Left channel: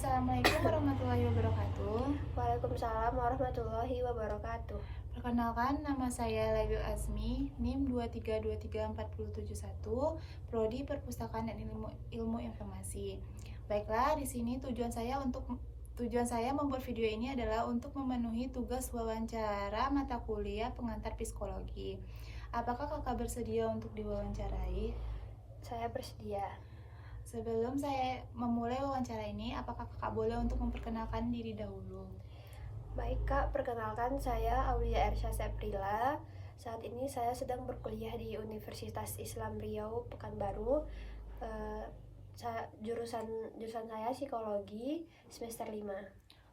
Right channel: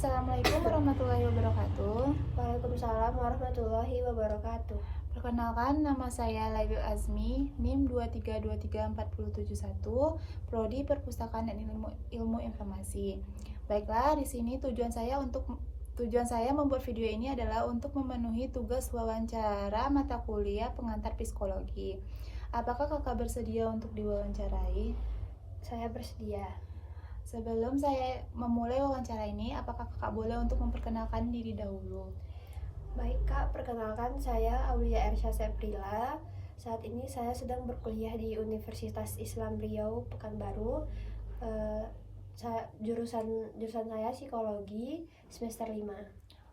Assalamualaikum warahmatullahi wabarakatuh. Waalaikumsalam warahmatullahi wabarakatuh. Perkenalkan, nama saya Laibil Azmi, NIM 2323471, Prodi Perpustakaan dan Ilmu Informasi. Baiklah, di sini tujuan saya membuat video ini adalah untuk memenuhi tugas wawancara mata kuliah pengantar psikologi. Apakah kakak bersedia untuk diwawancarai? Saya bersedia. Sebelum saya memulai wawancara ini, apakah kakak boleh untuk memperkenalkan diri dahulu? Baik Kak, perkenalkan saya Aulia Ersya Seprila. Saat ini saya sedang berkuliah di Universitas Islam Riau, Pekanbaru. Jurusan saya psikologi semester 5.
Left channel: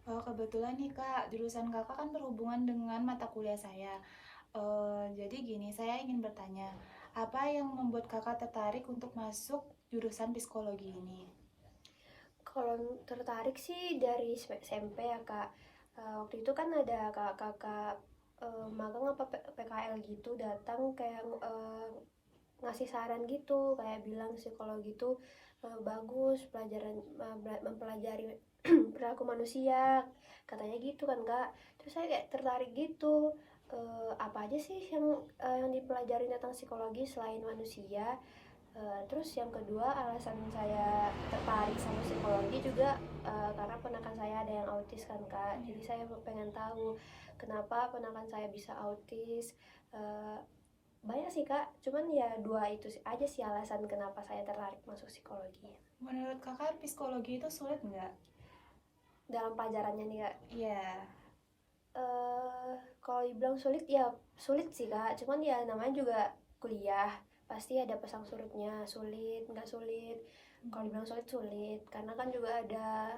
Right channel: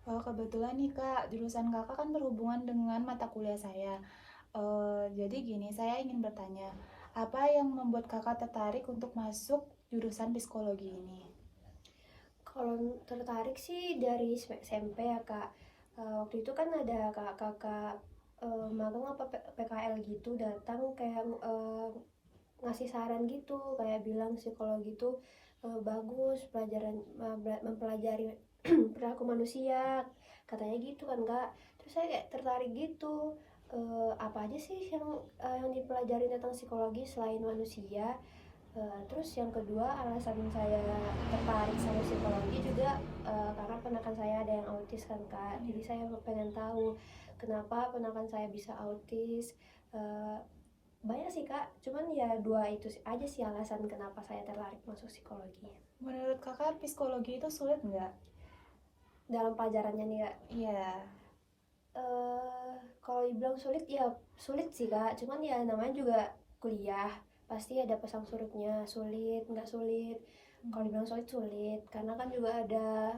Oh, kebetulan nih kak, jurusan kakak kan berhubungan dengan mata kuliah saya. Jadi gini, saya ingin bertanya, apa yang membuat kakak tertarik untuk masuk jurusan psikologi ini? Kalau tertarik sih dari SMP ya Kak. Waktu itu kan ada kakak magang apa PKL gitu datang kayak ngasih saran gitu, kayak bilang psikologi itu bagus pelajaran mempelajari perilaku manusia, katanya gitu kan Kak. Terus saya kayak tertarik gitu, apa aja sih yang dipelajari tentang psikologi selain manusia. Terus yang kedua alasan saya tertarik sama psikologi juga karena ponakan saya ada yang autis kan Kak. Jadi saya pengen tahu kenapa ponakan saya bisa autis. Banyak sih Kak, cuman ya dua itu aja sih alasan kenapa saya tertarik masuk psikologi. Menurut kakak psikologi itu sulit nggak? Dalam pelajarannya nih Kak? Iya. Kalau dibilang sulit ya sulit sih Kak, cuman ya namanya juga kuliah, pasti ada pasang surutnya, sulit nggak sulit. Kalau dibilang sulit karena kan juga ada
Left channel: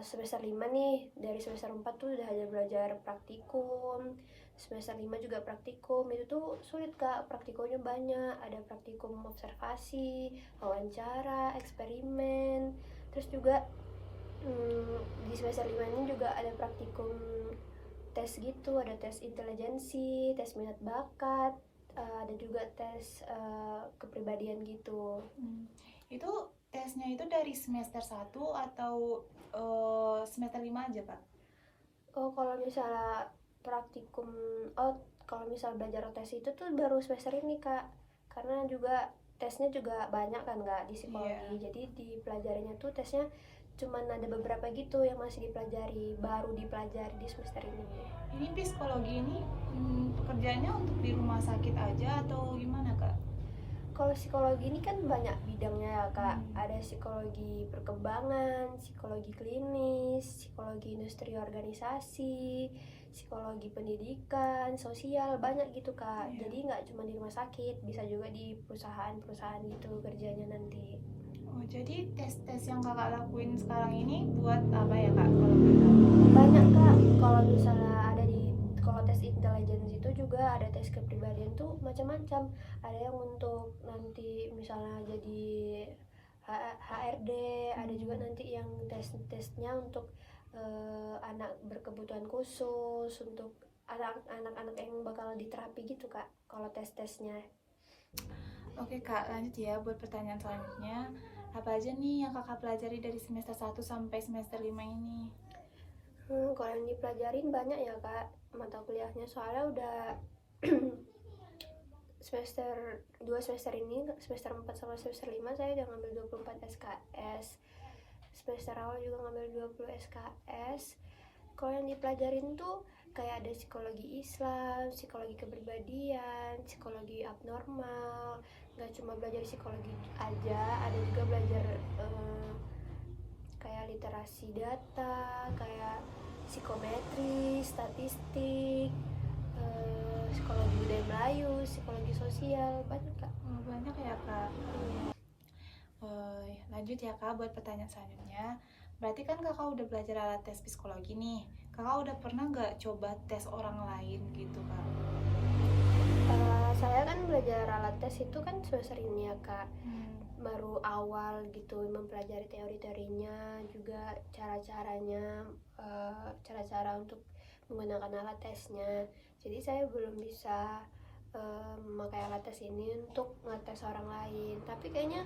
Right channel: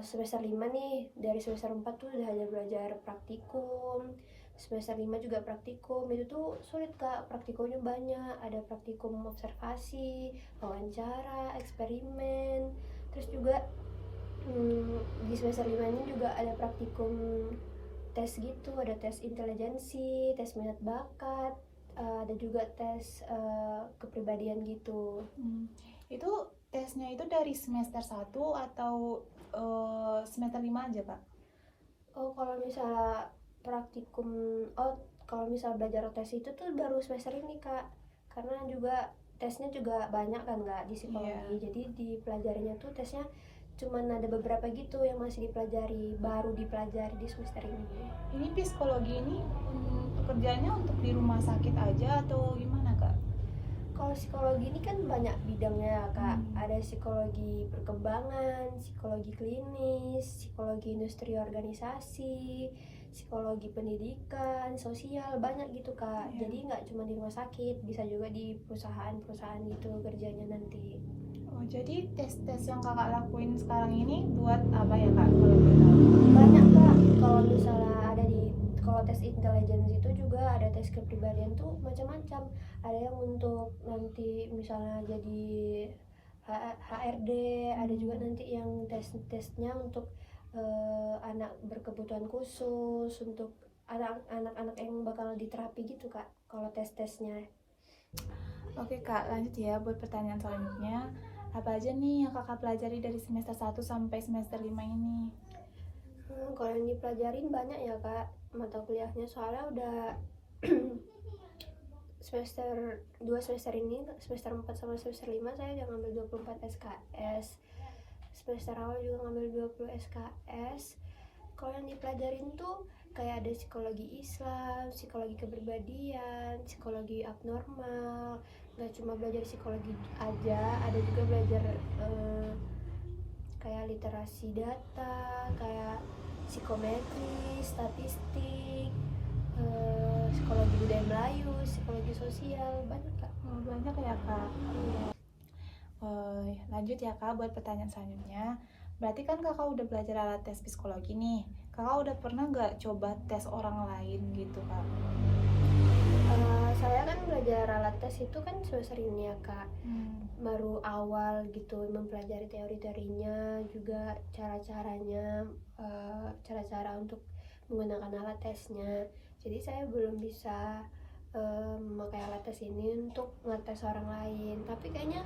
semester 5 nih, dari semester 4 tuh udah ada belajar praktikum, semester 5 juga praktikum. Itu tuh sulit Kak, praktikumnya banyak, ada praktikum observasi, wawancara, eksperimen. Terus juga di semester 5 ini juga ada praktikum tes gitu, ada tes intelijensi, tes minat bakat, ada juga tes kepribadian gitu. Itu tesnya itu dari semester 1 atau semester 5 aja Kak? Kalau misalnya praktikum, kalau misalnya belajar tes itu tuh baru semester ini Kak, karena juga tesnya juga banyak kan Kak di psikologi. Jadi dipelajarinya tuh tesnya cuman ada beberapa gitu yang masih dipelajari, baru dipelajari di semester ini. Ini psikologi ini pekerjaannya untuk di rumah sakit aja atau gimana Kak? Kalau psikologi ini kan banyak bidangnya ya Kak. Ada psikologi perkembangan, psikologi klinis, psikologi industri organisasi, psikologi pendidikan, sosial, banyak gitu Kak. Jadi nggak cuma di rumah sakit, bisa juga di perusahaan-perusahaan gitu kerjanya nanti. Oh, jadi tes-tes yang kakak lakuin sekarang ini buat apa ya Kak, kalau boleh tahu? Banyak Kak, kalau misalnya kalau tes intelijen itu juga ada tes kepribadian tuh macam-macam. Ada yang untuk nanti misalnya jadi HRD, ada juga nanti yang tesnya untuk anak berkebutuhan khusus, untuk anak-anak yang bakal diterapi gitu Kak, kalau tes-tesnya. Oke Kak, lanjut ya buat pertanyaan selanjutnya. Apa aja nih yang kakak pelajari dari semester 1 sampai semester 5 ini? Kalau yang dipelajarin banyak ya Kak, mata kuliahnya, soalnya udah semester 2 semester ini, semester 4 sama semester 5 saya udah ngambil 24 SKS. Semester awal juga ngambil 20 SKS. Kalau yang dipelajarin tuh kayak ada psikologi Islam, psikologi kepribadian, psikologi abnormal. Gak cuma belajar psikologi aja, ada juga belajar kayak literasi data, kayak psikometri, statistik, psikologi budaya Melayu, psikologi sosial, banyak Kak. Oh, banyak ya Kak. Lanjut ya Kak buat pertanyaan selanjutnya. Berarti kan kakak udah belajar alat tes psikologi nih. Kakak udah pernah nggak coba tes orang lain gitu Kak? Saya kan belajar alat tes itu kan semester ini ya Kak, baru awal gitu mempelajari teori-teorinya, juga cara-caranya, cara-cara untuk menggunakan alat tesnya. Jadi saya belum bisa memakai alat tes ini untuk ngetes orang lain, tapi kayaknya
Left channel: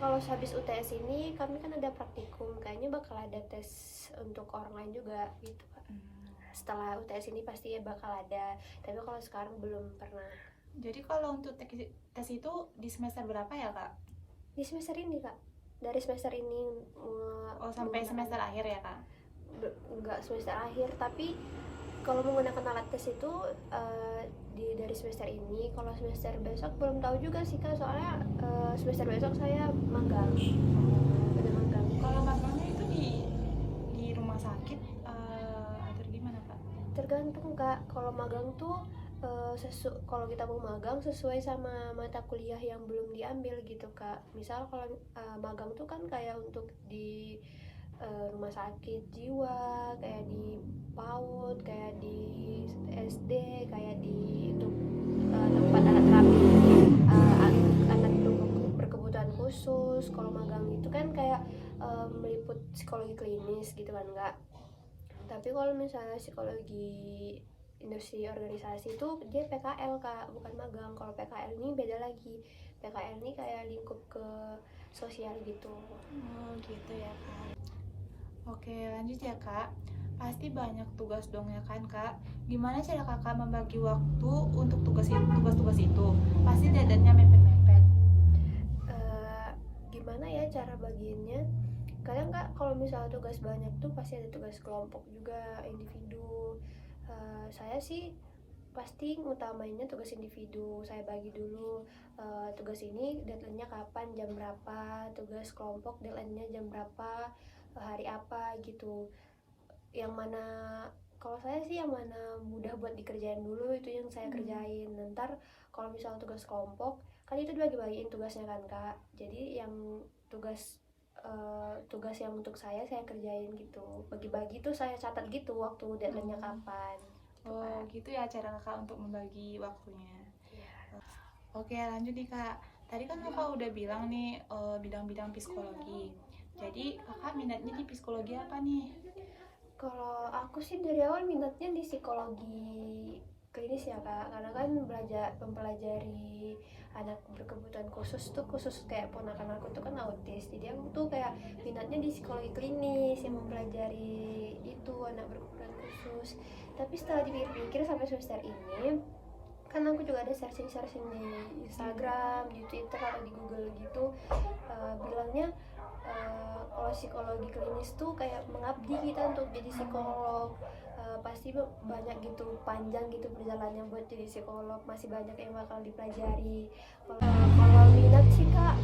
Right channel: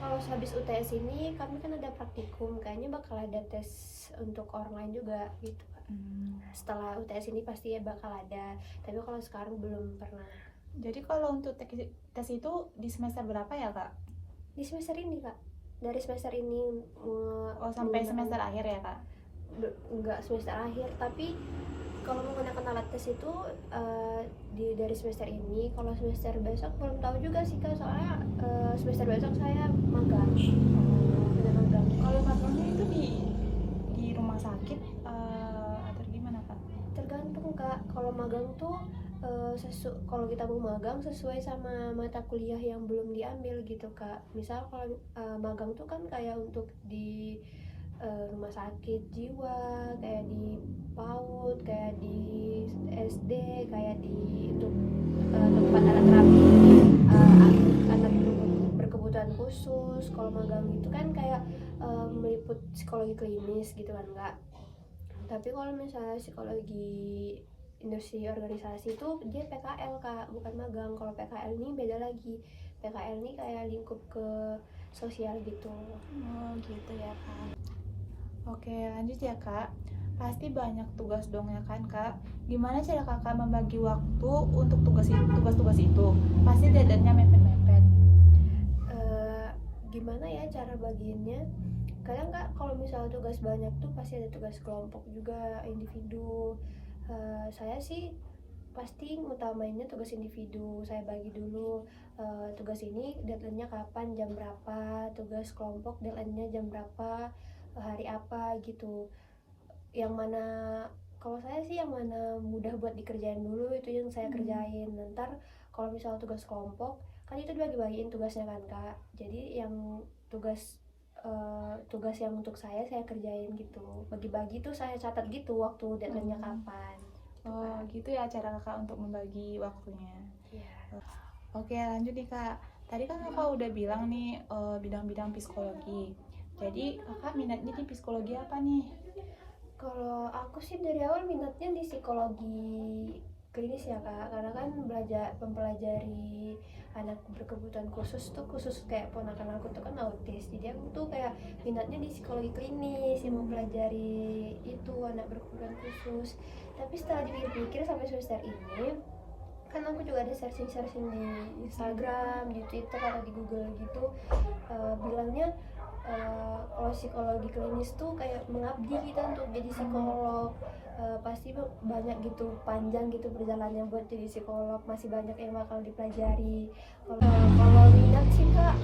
Kalau habis UTS ini kami kan ada praktikum, kayaknya bakal ada tes untuk orang lain juga gitu Kak. Setelah UTS ini pasti ya bakal ada, tapi kalau sekarang belum pernah. Jadi kalau untuk tes itu di semester berapa ya Kak? Di semester ini Kak, dari semester ini Oh sampai semester akhir ya Kak? Enggak semester akhir, tapi kalau menggunakan alat tes itu dari semester ini. Kalau semester besok belum tahu juga sih Kak, soalnya semester besok saya magang. Kalau magangnya itu di rumah sakit atau gimana Kak? Tergantung Kak, kalau magang tuh kalau kita mau magang sesuai sama mata kuliah yang belum diambil gitu Kak. Misal kalau magang tuh kan kayak untuk di rumah sakit jiwa, kayak di PAUD, kayak di SD, kayak di untuk tempat anak terapi anak berkebutuhan khusus. Kalau magang itu kan kayak meliput psikologi klinis gitu kan Kak. Tapi kalau misalnya psikologi industri organisasi itu dia PKL Kak, bukan magang. Kalau PKL ini beda lagi. PKL ini kayak lingkup ke sosial gitu. Oh gitu ya Kak. Oke lanjut ya Kak. Pasti banyak tugas dong ya kan Kak. Gimana cara Kakak membagi waktu untuk tugas-tugas itu? Pasti deadline-nya mepet-mepet. Gimana ya cara bagiannya? Kadang Kak kalau misalnya tugas banyak tuh pasti ada tugas kelompok juga, individu. Saya sih pasti ngutamainnya tugas individu. Saya bagi dulu tugas ini deadline-nya kapan, jam berapa, tugas kelompok deadline-nya jam berapa, hari apa gitu. Yang mana kalau saya sih yang mana mudah buat dikerjain dulu itu yang saya kerjain. Ntar kalau misalnya tugas kelompok kan itu dibagi-bagiin tugasnya kan Kak. Jadi yang tugas yang untuk saya kerjain gitu, bagi-bagi tuh saya catat gitu waktu deadline-nya kapan. Oh gitu ya cara Kakak untuk membagi waktunya. Ya. Oke lanjut nih Kak. Tadi kan Kakak udah bilang nih bidang-bidang psikologi. Jadi Kakak minatnya di psikologi apa nih? Kalau aku sih dari awal minatnya di psikologi klinis ya Kak, karena kan mempelajari anak berkebutuhan khusus tuh, khusus kayak ponakan aku tuh kan autis, jadi aku tuh kayak minatnya di psikologi klinis yang mempelajari itu anak berkebutuhan khusus. Tapi setelah dipikir sampai semester ini kan aku juga ada searching di Instagram, di Twitter atau di Google gitu, bilangnya kalau psikologi klinis tuh kayak mengabdi kita untuk jadi psikolog. Pasti banyak gitu, panjang gitu perjalanannya buat jadi psikolog, masih banyak yang bakal dipelajari. Kalau minat sih Kak,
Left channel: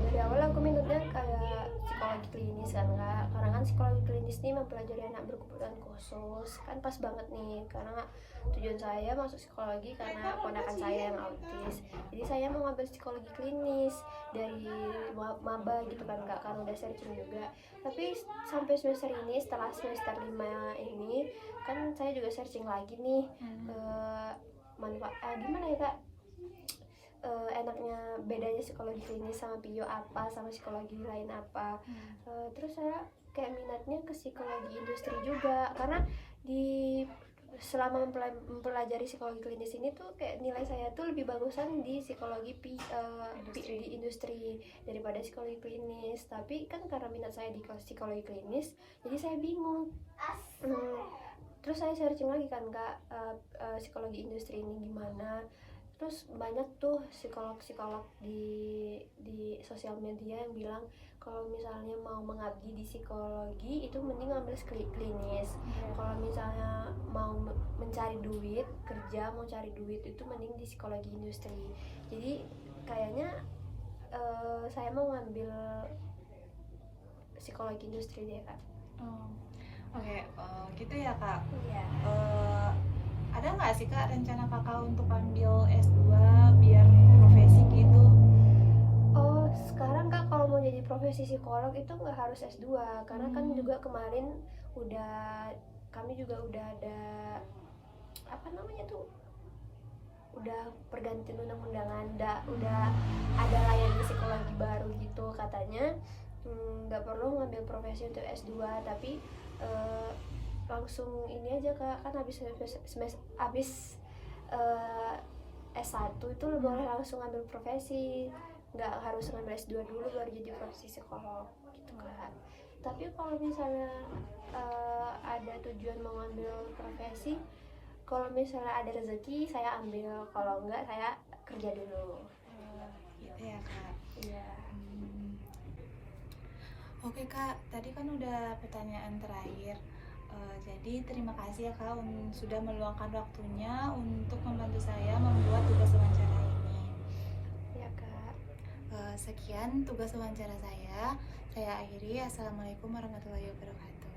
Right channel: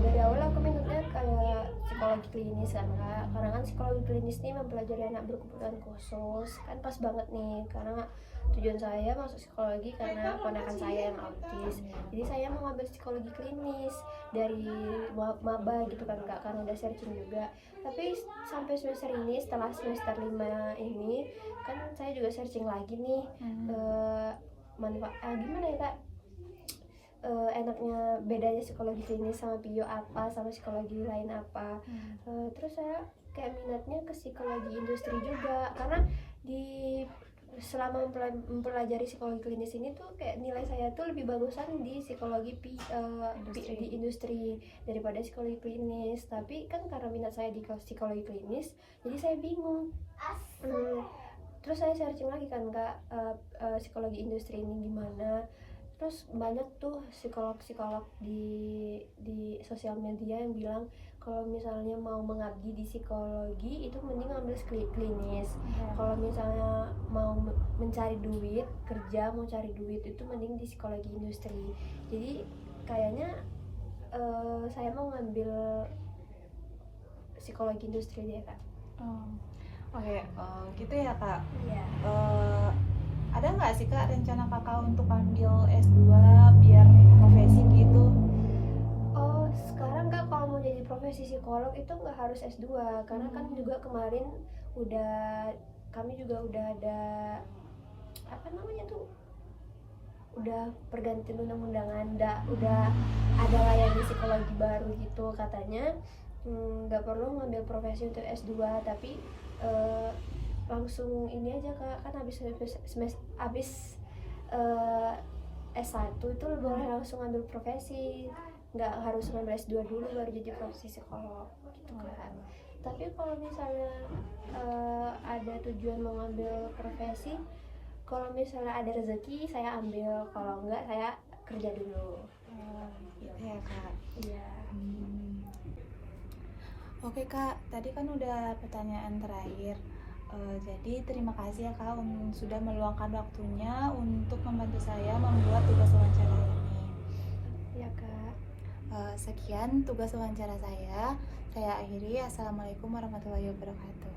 dari awal aku minatnya kayak psikologi klinis kan Kak, karena kan psikologi klinis ini mempelajari anak berkebutuhan khusus, kan pas banget nih karena tujuan saya masuk psikologi karena ponakan saya yang autis. Jadi saya mau ngambil psikologi klinis dari maba gitu kan Kak, karena udah searching juga. Tapi sampai semester ini, setelah semester 5 ini kan saya juga searching lagi nih manfaat gimana ya Kak, enaknya bedanya psikologi klinis sama bio apa, sama psikologi lain apa. Terus saya kayak minatnya ke psikologi industri juga, karena selama mempelajari psikologi klinis ini tuh kayak nilai saya tuh lebih bagusan di psikologi di industri daripada psikologi klinis. Tapi kan karena minat saya di psikologi klinis, jadi saya bingung. Terus saya searching lagi kan Kak, psikologi industri ini gimana. Terus banyak tuh psikolog-psikolog di sosial media yang bilang kalau misalnya mau mengabdi di psikologi itu mending ambil klinis. Kalau misalnya mau mencari duit, kerja mau cari duit itu mending di psikologi industri. Jadi kayaknya saya mau ngambil psikologi industri deh Kak. Oke, gitu ya Kak. Iya. Ada nggak sih Kak rencana Kakak untuk ambil S2 biar profesi gitu? Oh, sekarang Kak kalau mau jadi profesi psikolog itu nggak harus S2, karena kan juga kemarin kami juga udah ada apa namanya tuh, udah pergantian undang-undangan, udah ada layanan psikologi baru gitu katanya. Nggak perlu ngambil profesi untuk S2, tapi langsung ini aja Kak, kan habis S1 itu boleh langsung ambil profesi. nggak harus ngambil S2 dulu baru jadi profesi psikolog gitu kan. Tapi kalau misalnya ada tujuan mau ngambil profesi, kalau misalnya ada rezeki saya ambil, kalau enggak saya kerja dulu. Gitu ya Kak. Iya. Oke Kak, tadi kan udah pertanyaan terakhir. Jadi terima kasih ya Kak sudah meluangkan waktunya untuk membantu saya membuat tugas wawancara ini. Iya Kak. Sekian tugas wawancara saya. Saya akhiri. Assalamualaikum warahmatullahi wabarakatuh.